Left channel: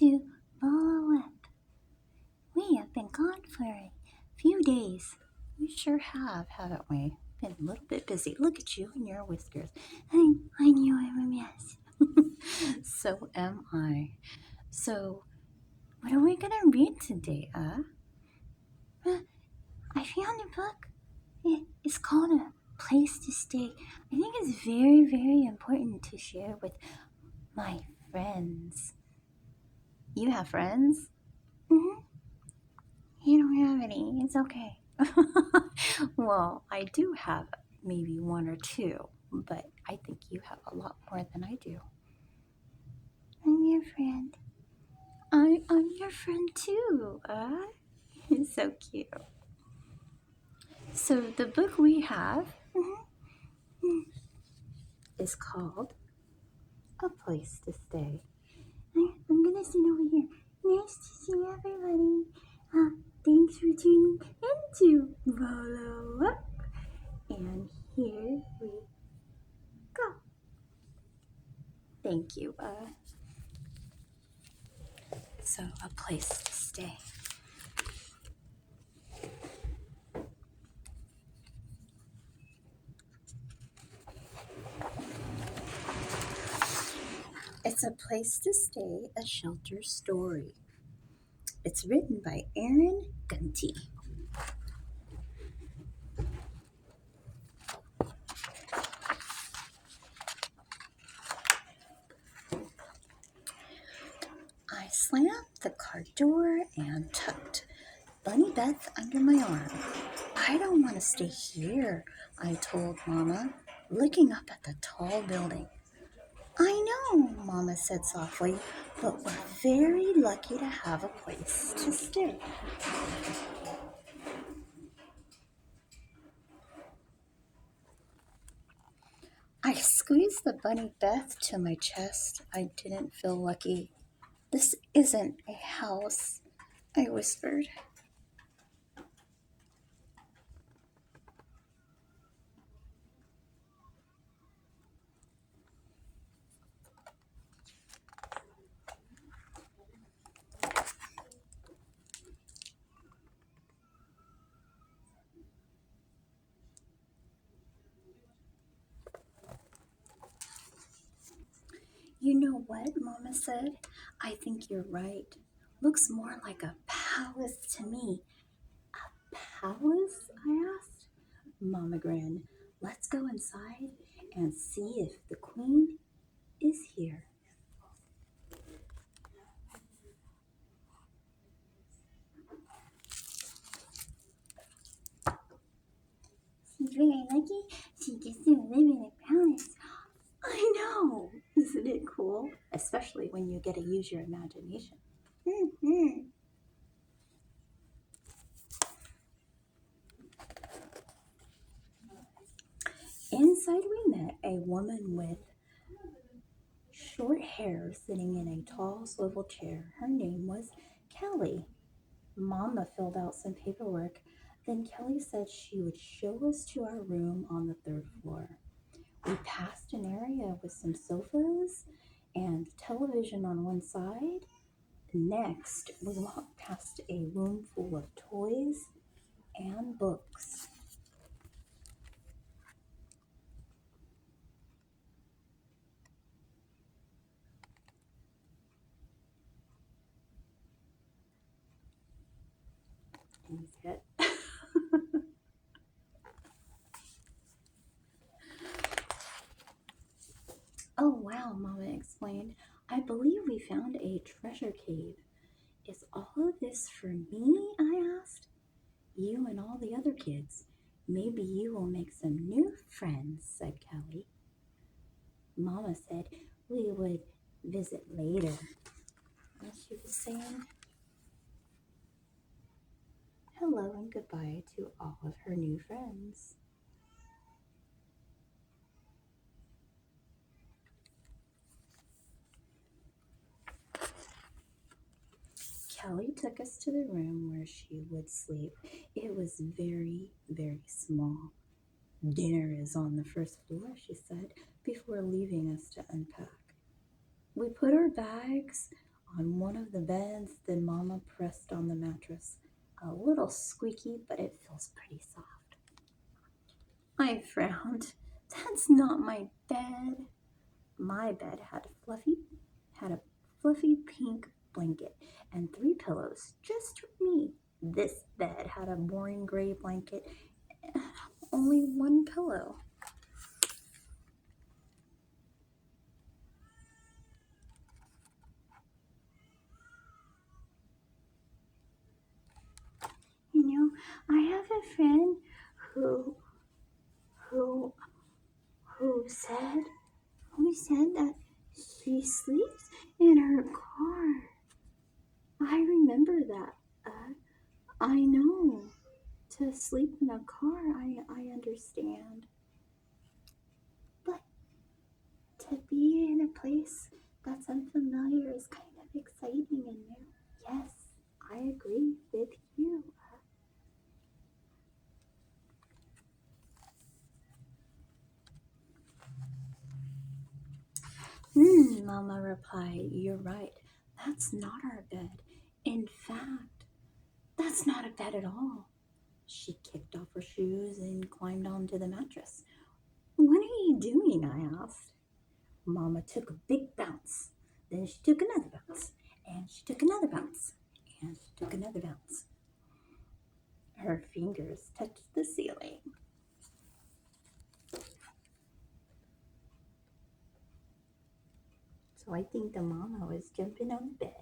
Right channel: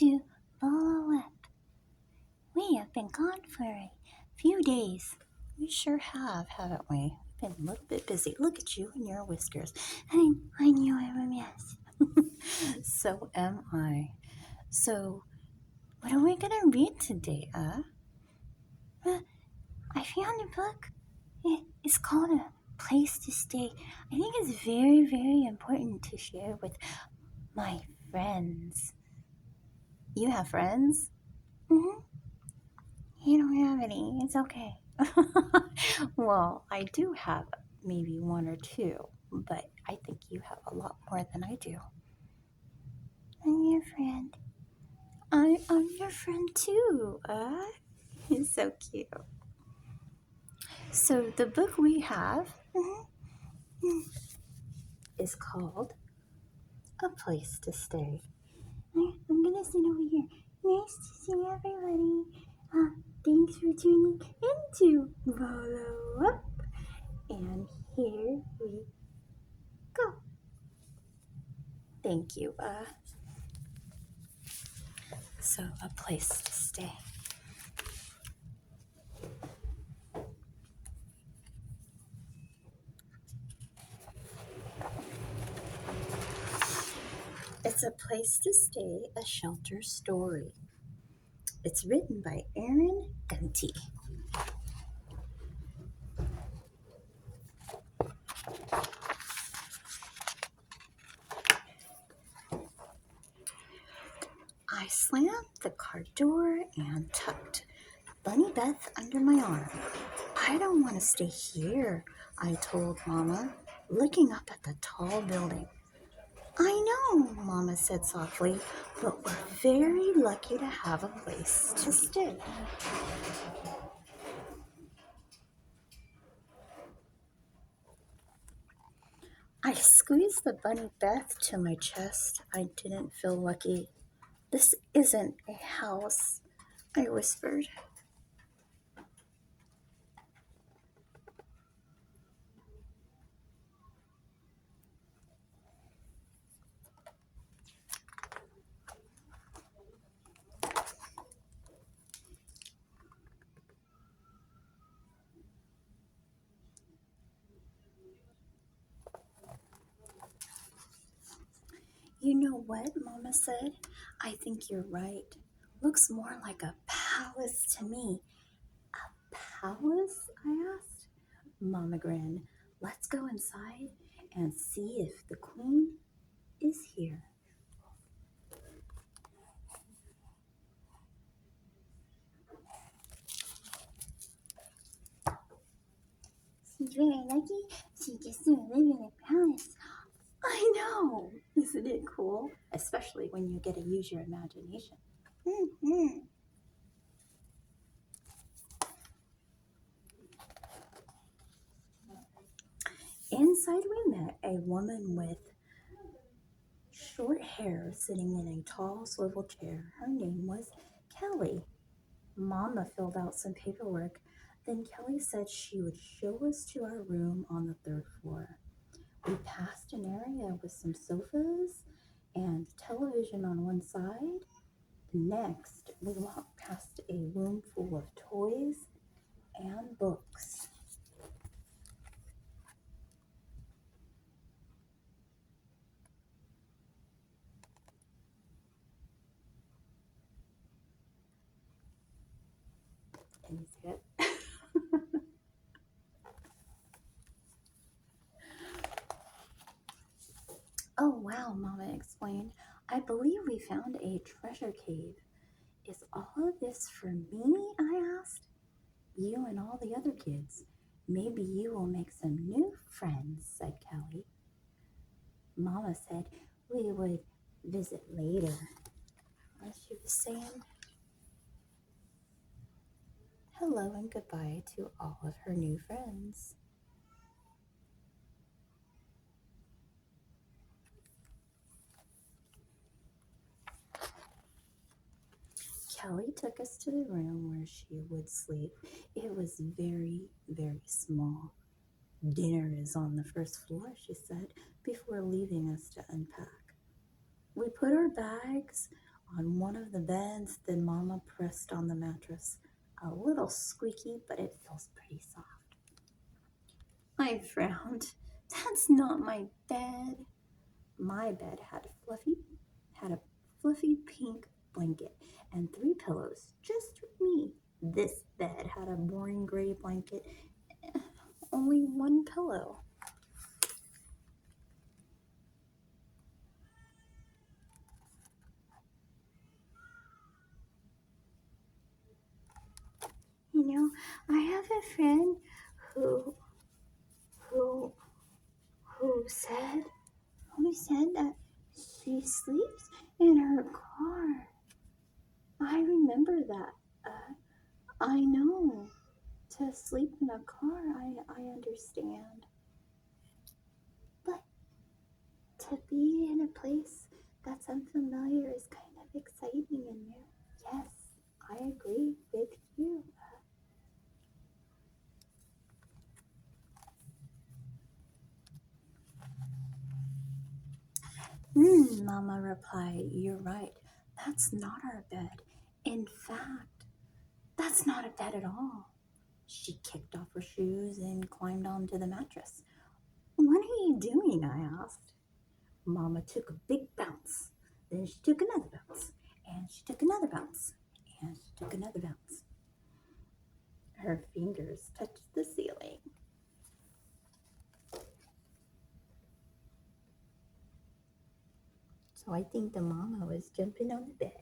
to Bolo. We have been gone for a few days. We sure have, haven't we? Been a little bit busy. Look at you and your whiskers. I knew I was a mess. So am I. So, what are we gonna read today, I found a book. It's called A Place to Stay. I think it's very, very important to share with my friends. You have friends? Mm-hmm. You don't have any. It's okay. Well, I do have maybe one or two, but I think you have a lot more than I do. I'm your friend. I'm your friend too. It's so cute. So the book we have is called A Place to Stay. I'm gonna sit over here. Nice to see everybody. Thanks for tuning into Bolo Up. And here we go. Thank you. So a place to stay. It's a place to stay, a shelter story. It's written by Erin Gunti. I slammed the car door and tucked Bunny Beth under my arm. I don't want to stay here, I told Mama, looking up at the tall building. I know, Mama said softly, but we're very lucky to have a place to stay. I squeezed the Bunny Beth to my chest. I didn't feel lucky. This isn't a house, I whispered. You know what, Mama said? I think you're right. Looks more like a palace to me. A palace? I asked. Mama grinned. Let's go inside and see if the queen is here. She's very lucky. She gets to live in a palace. I know. Isn't it cool? Especially when you get to use your imagination. Mm-hmm. Inside we met a woman with short hair sitting in a tall swivel chair. Her name was Kelly. Mama filled out some paperwork. Then Kelly said she would show us to our room on the third floor. We passed an area with some sofas and television on one side. Next, we walked past a room full of toys and books. Can you see it? Oh, wow, Mama explained. I believe we found a treasure cave. Is all of this for me? I asked. You and all the other kids. Maybe you will make some new friends, said Kelly. Mama said we would visit later. As she was saying hello and goodbye to all of her new friends. Kelly took us to the room where she would sleep. It was very, very small. Dinner is on the first floor, she said, before leaving us to unpack. We put our bags on one of the beds, then Mama pressed on the mattress. A little squeaky, but it feels pretty soft. I frowned. That's not my bed. My bed had a fluffy pink blanket and 3 pillows just for me. This bed had a boring gray blanket, only 1 pillow. You know, I have a friend who who who said that she sleeps in her car. I remember that. I know. To sleep in a car, I understand. But to be in a place that's unfamiliar is kind of exciting and new. Yes, I agree with you. Mama replied, "You're right. That's not our bed. In fact, that's not a bed at all." She kicked off her shoes and climbed onto the mattress. "What are you doing?" I asked. Mama took a big bounce. Then she took another bounce. And she took another bounce. And she took another bounce. Her fingers touched the ceiling. So I think the mama was jumping on the bed.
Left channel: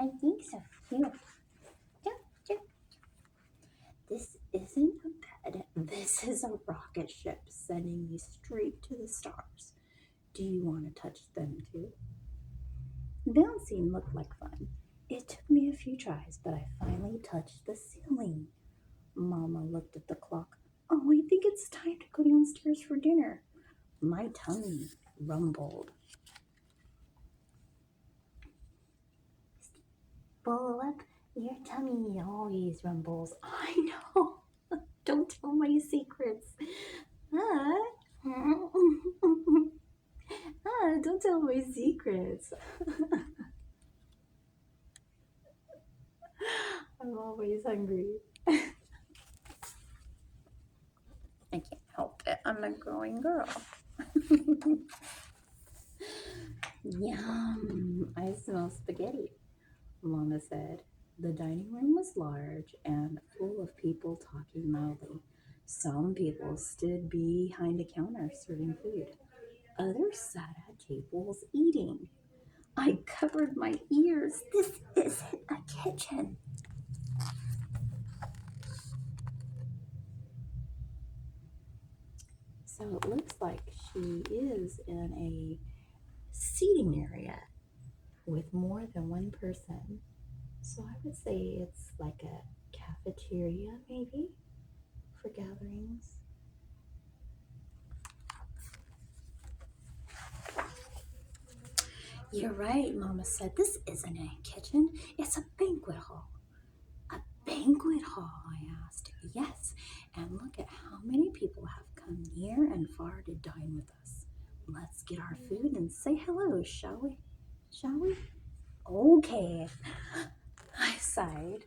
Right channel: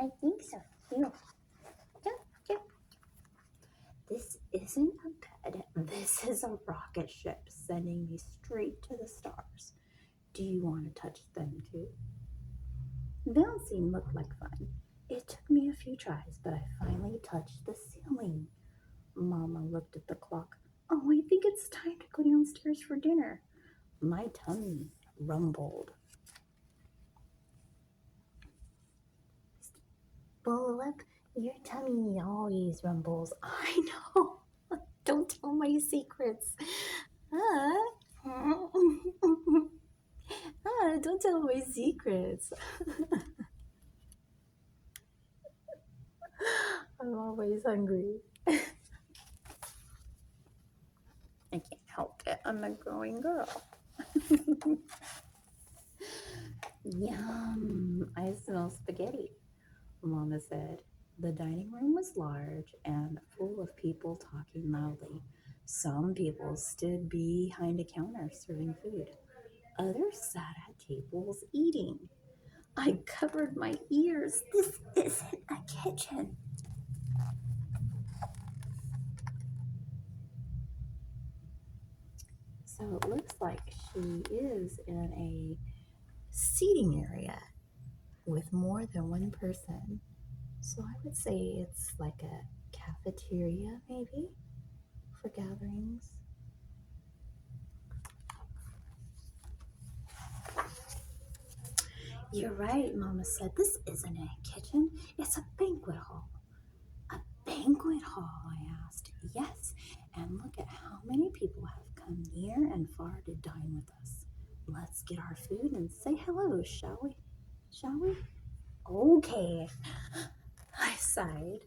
I think so. Jump, jump. This isn't a bed. This is a rocket ship sending me straight to the stars. Do you want to touch them too? Bouncing looked like fun. It took me a few tries, but I finally touched the ceiling. Mama looked at the clock. "Oh, I think it's time to go downstairs for dinner." My tummy rumbled. "Bolo up, your tummy always rumbles." I know. Don't tell my secrets. Don't tell my secrets. I'm always hungry. I can't help it. I'm a growing girl. Yum, I smell spaghetti, Mama said. The dining room was large and full of people talking loudly. Some people stood behind a counter serving food. Others sat at tables eating. I covered my ears. This isn't a kitchen. So it looks like she is in a seating area with more than one person. So I would say it's like a cafeteria, maybe, for gatherings. You're right, Mama said. This isn't a kitchen, it's a banquet hall. A banquet hall, I asked. Yes, and look at how many people have come near and far to dine with us. Let's get our food and say hello, shall we? Shall we? Okay, I sighed.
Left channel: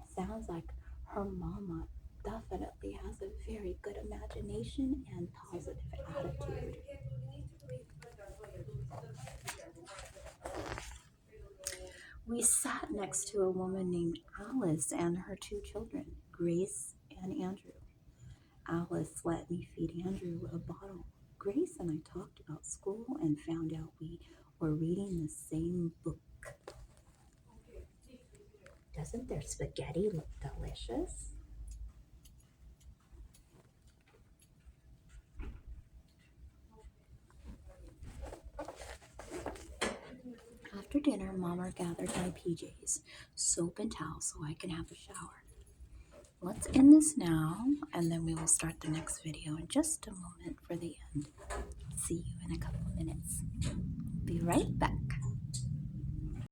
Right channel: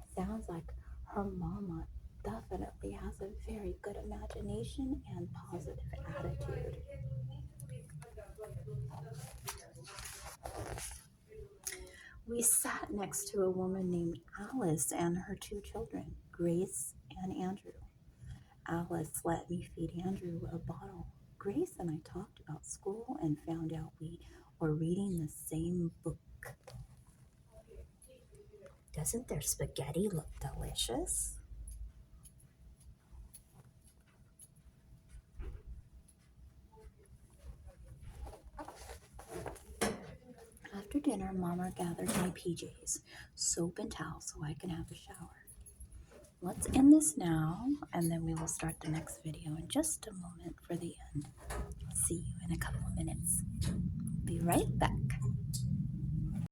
It sounds like her mama definitely has a very good imagination and positive attitude. We sat next to a woman named Alice and her 2 children, Grace and Andrew. Alice let me feed Andrew a bottle. Grace and I talked about school and found out we were reading the same book. Doesn't their spaghetti look delicious? After dinner, Mama gathered my PJs, soap and towel so I can have a shower. Let's end this now, and then we will start the next video in just a moment for the end. See you in a couple of minutes. Be right back.